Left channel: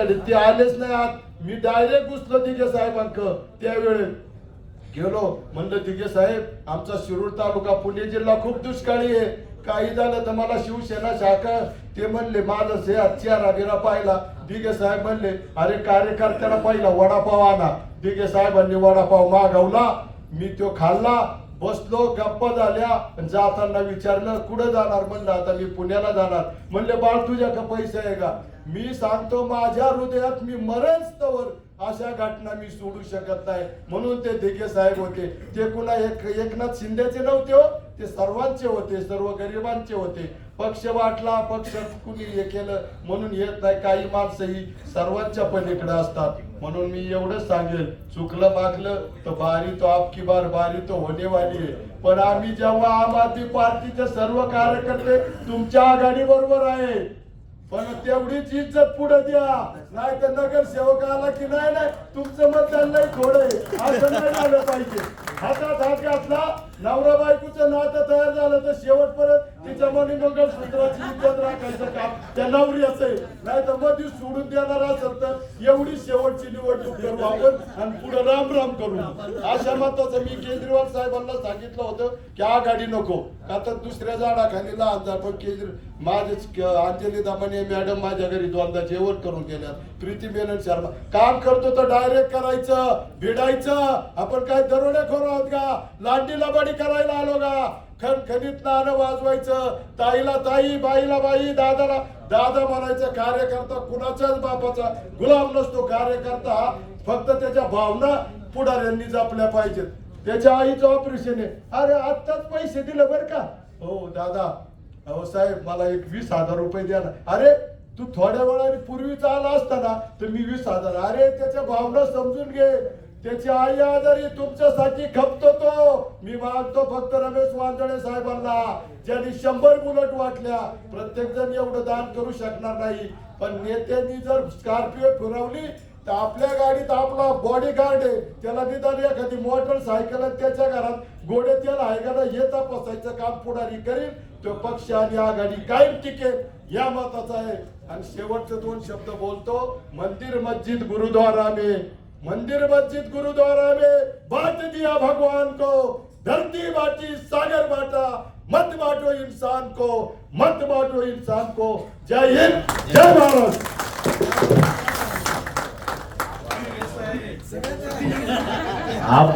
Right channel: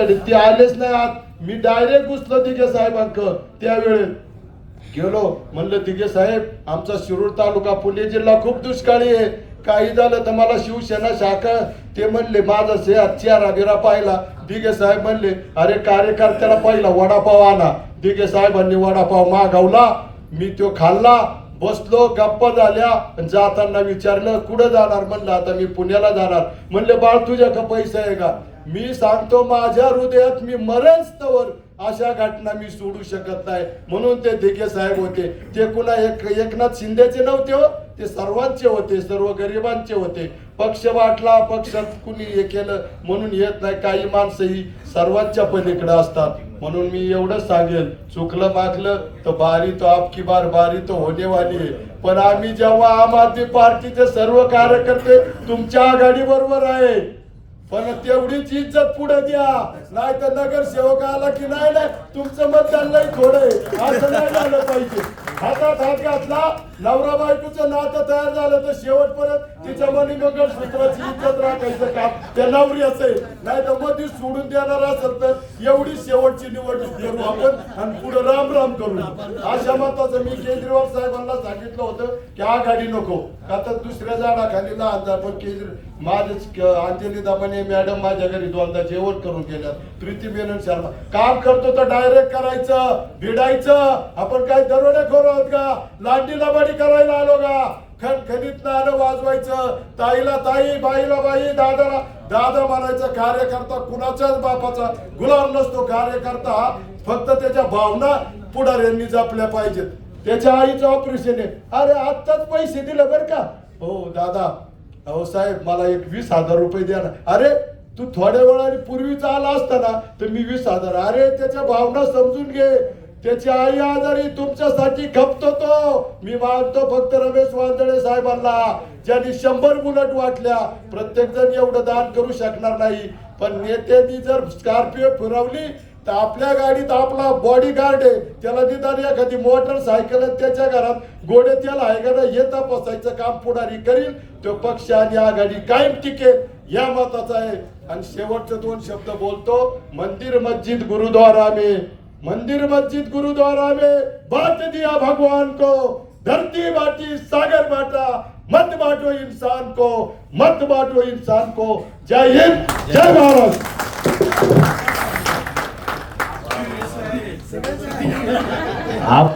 ते आलेच नाही आत. मी डायरेक्ट घुसलो तिघे साहेबांक. त्यावेळेस गेलो. म्हणलं तिघे साहेब आमचा शिरूर तालुका पुणे जिल्हा खूप दुष्काळी आहे. काही झालं तर मला शिवसेना शाखा. ते म्हणले माझा से चेहरा बिरा पाहिला. दिघे साहेब म्हणले अरे कार्यकर्त्याला पाहिला वडापाव आणा. दिघे साहेबांनी वडापाव मागवला. मी तो खाल्ला. बसलो गप्प झाल्या. जाताना विचारलं कुठं जाणार? म्हणलं आता मी पुण्याला जाणार. म्हणले बाळ तुझ्या का पैसा आहे का? मी सांगतो माझ्या हृदयात मी मरेच तवर अशा घटना मी सोडू शकत नाही. म्हणून ते दिघे साहेब होते. ते कुणा एक एकनाथ शिंदेचे नव्हते हो. ते सर्वांचे होते सर्व गरिबांचे होते. पक्ष वाटला पक्षात कुणी हे केलं म्हणून येत नाही. काही माणसं ही सर्वांच्या पलीकडे असतात. म्हणून मी एवढंच सांगेल चुकलं मागलं तर बारी तो आपकी बार बारी तो होणे वाली आहे पण आम्ही जेव्हा आम आदमी पार्टीचे सर्व कार्यकर्ते तुमच्या आघाडी बरोबर आहे. पण तेवढीच इज्जत पुढे द्या. नाही तर नगरसेवक आला की नाही नाही तुमचं मत नाही थोडे असं नाही झालं पाहिजे. हातात हात घातला नवरा बायकोचं नातं तयार झालं तर शेवटपर्यंत तिच्या मनी मंगळसूत्राची इज्जत राखायचं काम त्या नवऱ्याचं आहे. नाही तर मधी सोडून देणार असेल तर एवढी शेवटची निवडणूक करू आपण आणि पुढे राम राम करू. अशा मताचं मी केजरीवाल साहेबांना सांगितलं होतं की आघाडी नको. आता दुसऱ्या झाडाखाली लहान झाड पण केजरी माझे अंजली दाबाने मॅडम माझ्या घरी दोनदा जेवण करून गेल्या. प्रीती मेनन शर्मा. काम करतो तर डायरेक्ट करायचं भिडायचं. आपण काय दरोडे खोर आहोत का? लांडी लबाडी करायला आलो का? खणखणीत नाणं वाजवायचं. ताईला ताई बाईला बाई दादाला दादा म्हणायचं कार्यकर्ता कुणाच्याच बापाचा गुलाम नसतो. कार्यकर्ता फक्त त्याच्या भावना पुढाऱ्यांनी जपल्या पाहिजेत. त्याच्या आईचं ऑपरेशन आहे. अरे आत्ताच पैसे दिले बरं का? हो दादा. अहो साहेब मला एक वीस हजार रुपये द्या ना. अरे तू थोड्या वेळाने पूर्वीचा आला असता ना तर मी वीस हजार. अरे त्याच्या भावना समजून घे. त्याची आई आजारी तुमच्यासाठी खपतो तो. मी मानतो फक्त रमेश वांदळे साहेबांना ज्यांनी शंभर बुलेट वाटल्या. प्रत्येक जण एवढं दान करू शकणार नाही. पण नेत्यांनी जर स्कॉर्पिओ फिरवली तर आपल्या गाडीत आपला बॉडी गार्ड आहे. त्याला निदान एखादी मोटरसायकल सायकल त्याच्या घरात गोडे त्याला ऐकायला येत बसायचं हे तपासायचं काम पुढारी करील तो पक्ष आणि आघाडी कायम टिकेल या मताचा आहे. आणि शेवटचे दोन शब्द बोलतो मंदिर मस्जिद गुरुद्वारा में मंदिर मस्जिद गुरुद्वारा में बांट दिया भगवान को। धरती बाटी, सागर बाटा, मत बांटो इंसान को, मत बांटो इंसान को। जय हिंद, जय भारत। आप